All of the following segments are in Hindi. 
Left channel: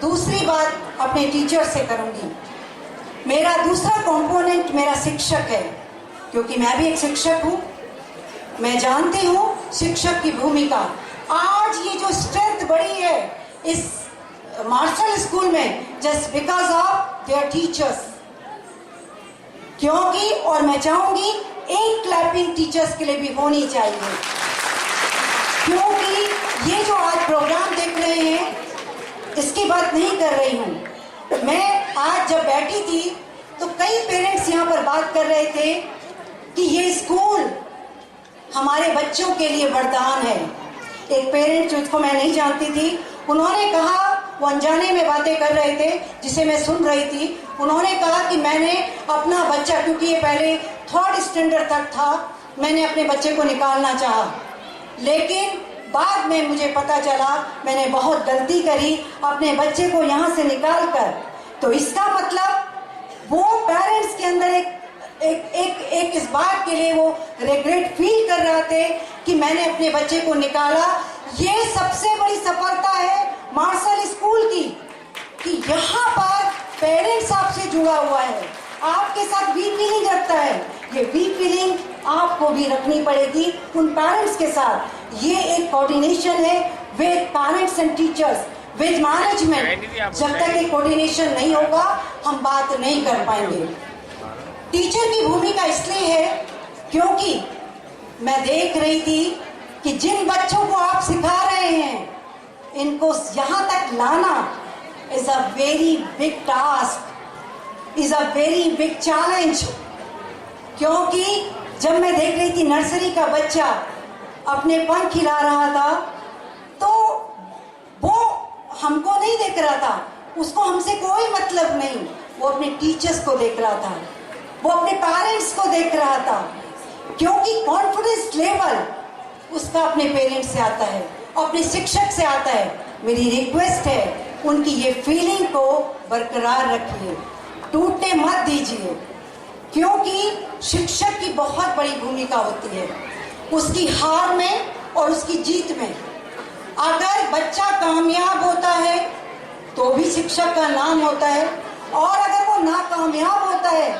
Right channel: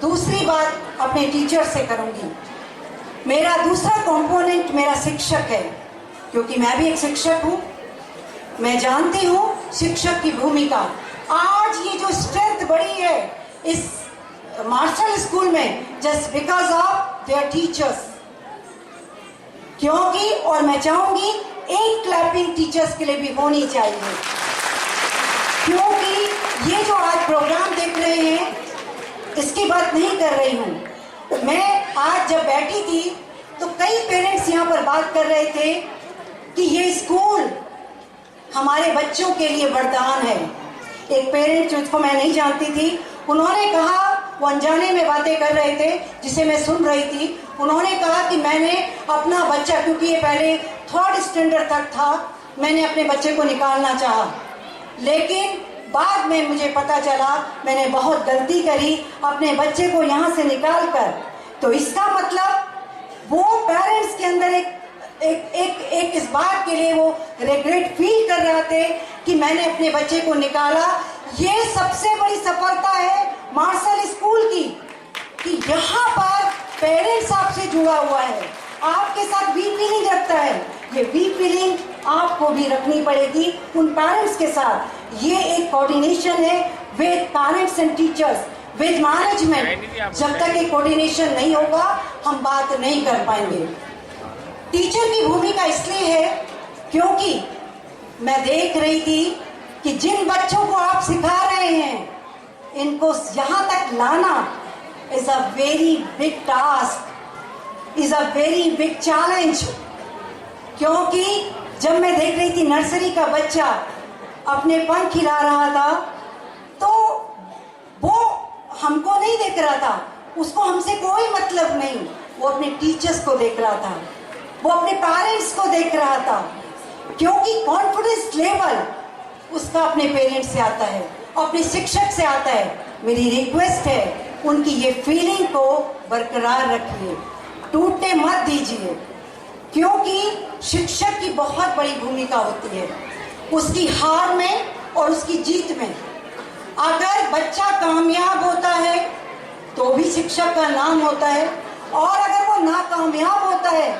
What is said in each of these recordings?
दूसरी बात अपने टीचर से करूंगी। मेरा दूसरा कंपोनेंट मेरा शिक्षक है, क्योंकि मैं भी एक शिक्षक हूँ। मैं जानती हूँ शिक्षक की भूमिका। आज ये जो स्ट्रेंथ बढ़ी है इस मार्शल स्कूल में, just because of their teachers. क्योंकि और मैं चाहूंगी एक क्लैपिंग टीचर्स के लिए भी होनी चाहिए, क्योंकि ये जो आज प्रोग्राम देख रहे हैं इसकी बात नहीं कर रही हूँ मैं। आज जब बैठी थी तो कई पेरेंट्स यहाँ पर बात कर रहे थे कि ये स्कूल हमारे बच्चों के लिए वरदान है। एक पेरेंट जिसको मैं नहीं जानती थी, उन्होंने कहा, वो अनजाने में बातें कर रहे थे जिसे मैं सुन रही थी, उन्होंने कहा कि मैंने अपना बच्चा, क्योंकि ये पहले 3rd स्टैंडर्ड तक था, मैंने अपने बच्चे को निकालना चाहा, लेकिन बाद में मुझे पता चला मैंने बहुत गलती करी अपने बच्चे को यहाँ से निकाल कर। तो इसका मतलब वो पेरेंट्स के अंदर एक इस बात के लिए वो रिग्रेट फील कर रहे थे कि मैंने अपने बच्चे को निकाला। ये सबसे बड़ी सफलता है मार्शल स्कूल की कि यहाँ पर पेरेंट्स आपसे जुड़ा हुआ है, आपके साथ वीक फीलिंग रखता है। ये वीक फीलिंग आपको भी रखनी पड़ेगी उन पेरेंट्स के साथ। ये एक कोऑर्डिनेशन है with parents and teachers, with management. जब तक ये कोऑर्डिनेशन नहीं होगा हम बात नहीं कर पाएंगे। टीचर की भूमिका इसलिए है क्योंकि मैं देख रही थी कि जिन बच्चों को आप सिखा रहे हैं, इनको यहाँ तक लाना is a very big task, is a very big challenge. क्योंकि जब मैं देख रही थी नर्सरी का बच्चा अपने पंख खिला रहा था, तो वो हमको नहीं देख रहा था, उसको हमसे कोई मतलब नहीं, वो अपने टीचर्स को देख रहा था, वो अपने पेरेंट्स को देख रहा था। क्योंकि कॉन्फिडेंस लेवल उसका अपने पेरेंट्स से आता है, अपने शिक्षक से आता है। मेरी रिक्वेस्ट है उनकी ये फीलिंग को बरकरार रखिए, टूटने मत दीजिए, क्योंकि शिक्षक की बहुत बड़ी भूमिका होती है उसकी हार में और उसकी जीत में। अगर बच्चा कामयाब होता है तो भी शिक्षक का नाम होता है, और अगर वो नाकामयाब होता है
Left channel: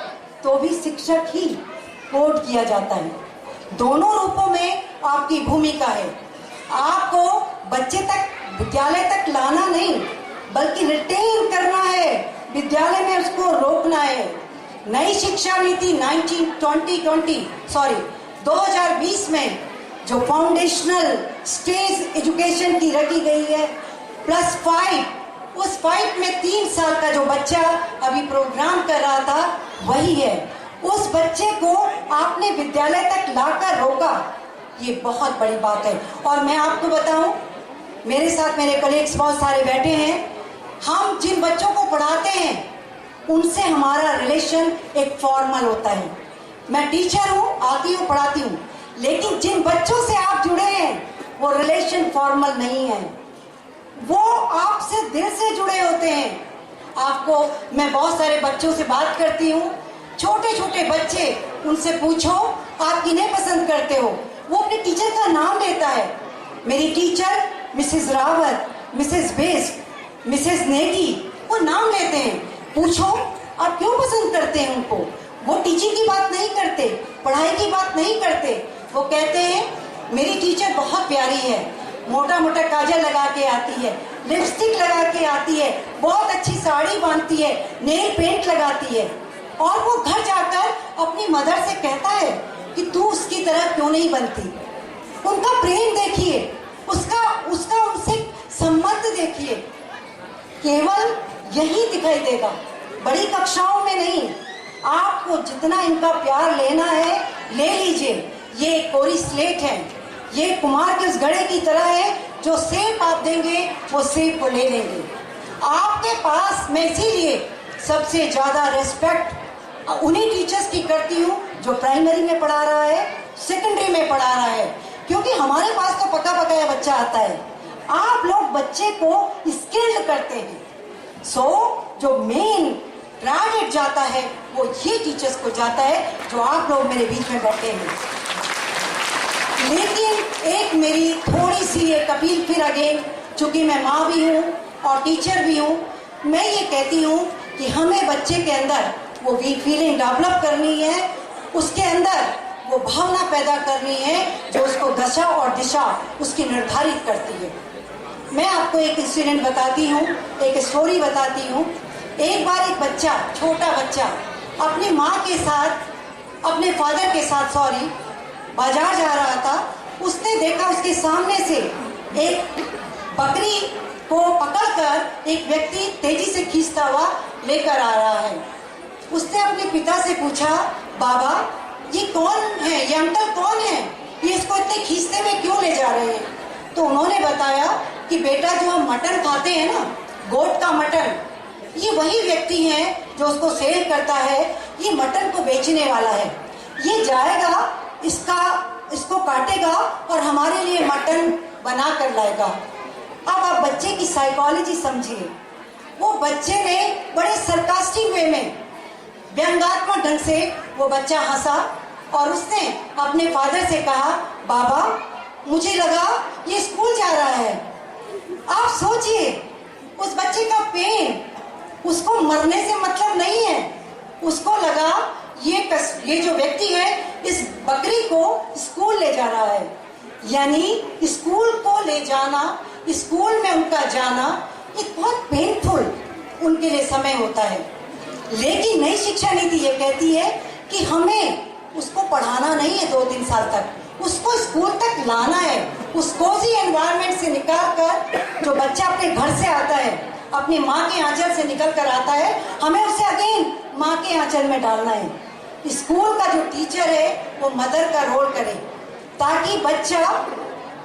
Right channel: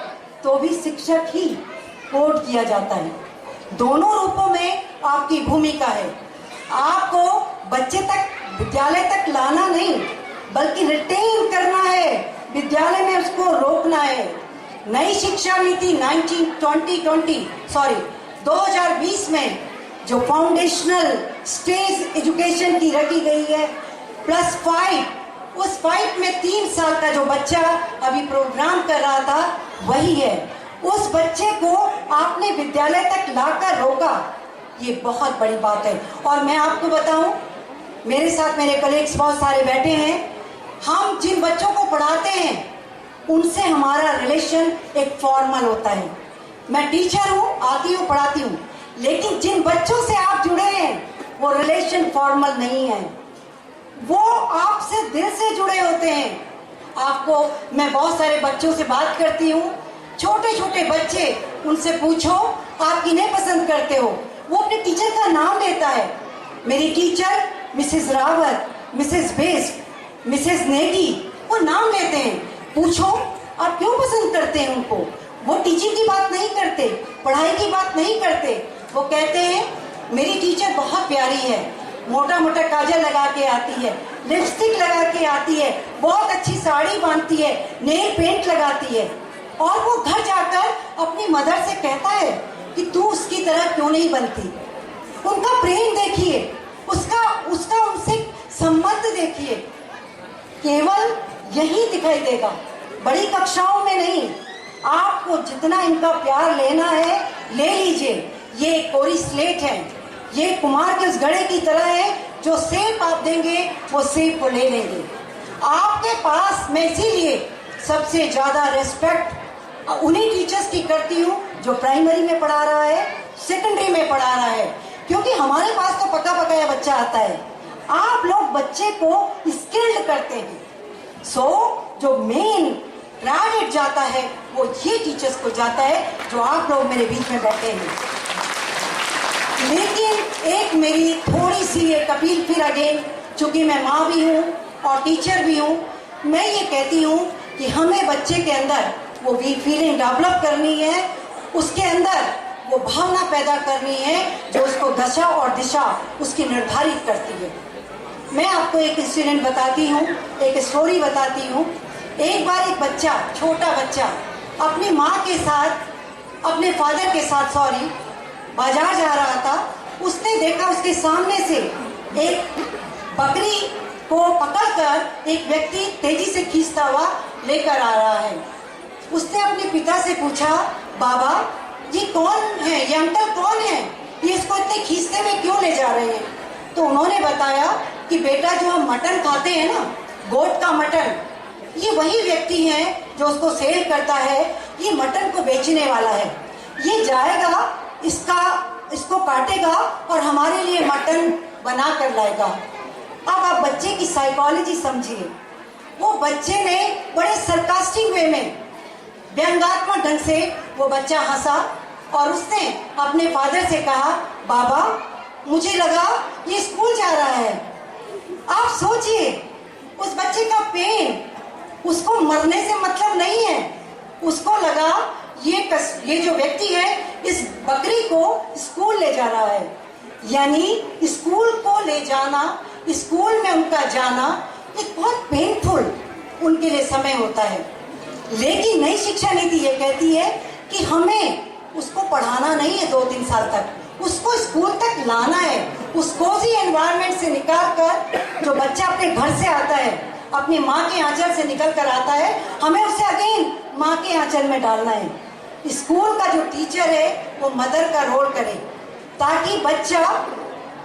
तो भी शिक्षक ही कोट किया जाता है। दोनों रूपों में आपकी भूमिका है। आपको बच्चे तक, विद्यालय तक लाना नहीं, बल्कि रिटेन करना है, विद्यालय में उसको रोकना है। नई शिक्षा नीति 2020 में जो फाउंडेशनल स्टेज एजुकेशन की रखी गई है +5, उस 5 में 3 साल का जो बच्चा अभी प्रोग्राम कर रहा था वही है। उस बच्चे को आपने विद्यालय तक लाकर रोका, ये बहुत बड़ी बात है। और मैं आपको बताऊं, मेरे साथ मेरे कलीग्स बहुत सारे बैठे हैं, हम जिन बच्चों को पढ़ाते हैं उनसे हमारा रिलेशन एक फॉर्मल होता है। मैं टीचर हूँ, आती हूँ, पढ़ाती हूँ, लेकिन जिन बच्चों से आप जुड़े हैं वो रिलेशन फॉर्मल नहीं है, वो आपसे दिल से जुड़े होते हैं। आपको मैं बहुत सारे बच्चों से बात करती हूँ, छोटे छोटे बच्चे, उनसे पूछो आप किन्हें पसंद करते हो, वो अपने टीचर का नाम लेता है। मेरी teacher Mrs Rawat, Mrs best, Mrs Negi, वो नाम लेते हैं। पूछो आप क्यों पसंद करते हैं उनको। वो टीचिंग की बात नहीं करते, पढ़ाई की बात नहीं करते, वो कहते हैं मेरी टीचर बहुत प्यारी है, मोटा मोटा काजल लगा के आती है, लिपस्टिक लगा के आती है, बहुत अच्छी साड़ी बांधती है, नेल पेंट लगाती है। और वो घर जाकर अपनी मदर से कहता है कि तू उसकी तरह क्यों नहीं बनती। उनका प्रेम देखिए, उसका उनसे संबंध देखिए, केवल यही दिखाई देगा, बड़ी कक्षाओं में नहीं। आपको जितना इनका प्यार लेना है ले लीजिए। ये कोरी स्लेट है, ये कुमार के उस घड़े की तरह है, जो सेब आप देंगे वो सेब को ले लेंगे आपके पास। मैं इसीलिए सबसे ज्यादा रेस्पेक्ट उन्हीं टीचर्स की करती हूँ जो प्राइमरी में पढ़ा रहा है, सेकेंडरी में पढ़ा रहा है, क्योंकि हमारे पास तो पका पकाया बच्चा आता है, आप लोग बच्चे को स्किल्ड करते हैं। जो मेन क्रेडिट जाता है वो ये टीचर्स को जाता है जो आप लोग मेरे बीच में बैठे हैं। लेकिन एक मेरी थोड़ी सी एक अपील फिर अगेन, चूंकि मैं माँ भी हूँ, और टीचर भी हूँ, मैं ये कहती हूँ कि हमें बच्चे के अंदर वो वीक फीलिंग डेवलप करनी है, उसके अंदर वो भावना पैदा करनी है जो उसको दशा और दिशा उसकी निर्धारित करती है। मैं आपको एक इंसिडेंट बताती हूँ, एक स्टोरी बताती हूँ। एक बार एक बच्चा, छोटा बच्चा अपनी माँ के साथ, अपने फादर के साथ बाजार जा रहा था। उसने देखा उसके सामने से एक बकरी को पकड़कर एक व्यक्ति तेजी से खींचता हुआ लेकर आ रहा है। उसने अपने पिता से पूछा, बाबा ये कौन है, ये अंकल कौन है, ये इसको इतने खींचते हुए क्यों ले जा रहे हैं? तो उन्होंने बताया कि बेटा जो हम मटन खाते हैं ना, गोट का मटन, ये वही व्यक्ति है जो उसको सेल करता है, ये मटन को बेचने वाला है। ये जाएगा, इसको काटेगा और हमारे लिए मटन बना कर लाएगा। अब आप बच्चे की साइकोलॉजी समझिए। वो बच्चे ने बड़े सरकास्टिक वे में, व्यंग्यात्मक ढंग से वो बच्चा हंसा और उसने अपने फादर से कहा, बाबा मुझे लगा ये स्कूल जा रहा है। आप सोचिए उस बच्चे का पेन, उसको मरने से मतलब नहीं है। उसको लगा ये जो व्यक्ति है इस बकरी को स्कूल ले जा रहा है, यानी स्कूल को ले जाना, स्कूल में उनका जाना एक बहुत पेनफुल उनके लिए समय होता है। लेकिन नई शिक्षा नीति ये कहती है कि हमें उसको पढ़ाना नहीं है 2-3 साल तक, उसको स्कूल तक लाना है। उस कोजी एनवायरनमेंट से निकाल कर, जो बच्चा अपने घर से आता है, अपनी माँ के आंचल से निकल कर आता है, हमें उसे अगेन माँ के आंचल में डालना है। स्कूल का जो टीचर है वो मदर का रोल करे ताकि बच्चा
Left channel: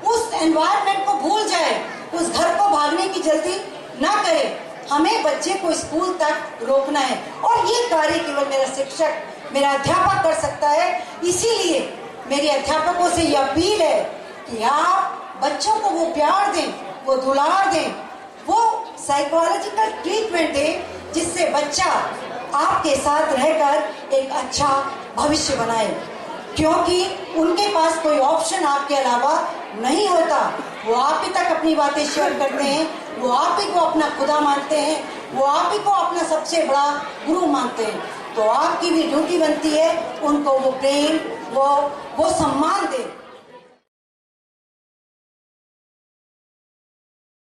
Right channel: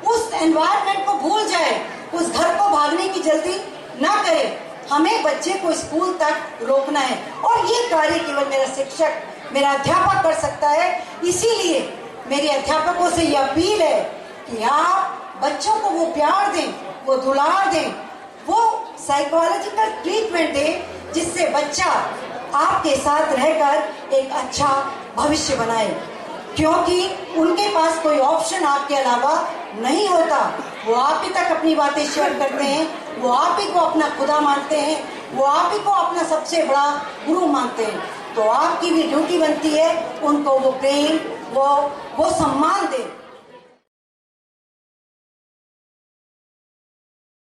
उस एनवायरनमेंट को भूल जाए, उस घर को भागने की जल्दी ना करे। हमें बच्चे को स्कूल तक रोकना है और ये कार्य केवल मेरा शिक्षक, मेरा अध्यापक कर सकता है। इसीलिए मेरे अध्यापकों से ये अपील है कि आप बच्चों को वो प्यार दें, वो दुलार दें, वो साइकोलॉजिकल ट्रीटमेंट दें जिससे बच्चा आपके साथ रहकर एक अच्छा भविष्य बनाए, क्योंकि उनके पास कोई ऑप्शन आपके अलावा नहीं होता। वो आप ही तक अपनी बातें शेयर करते हैं, वो आप ही को अपना खुदा मानते हैं, वो आप ही को अपना सबसे बड़ा गुरु मानते हैं। तो आपकी भी ड्यूटी बनती है उनको वो प्रेम, वो सम्मान दें।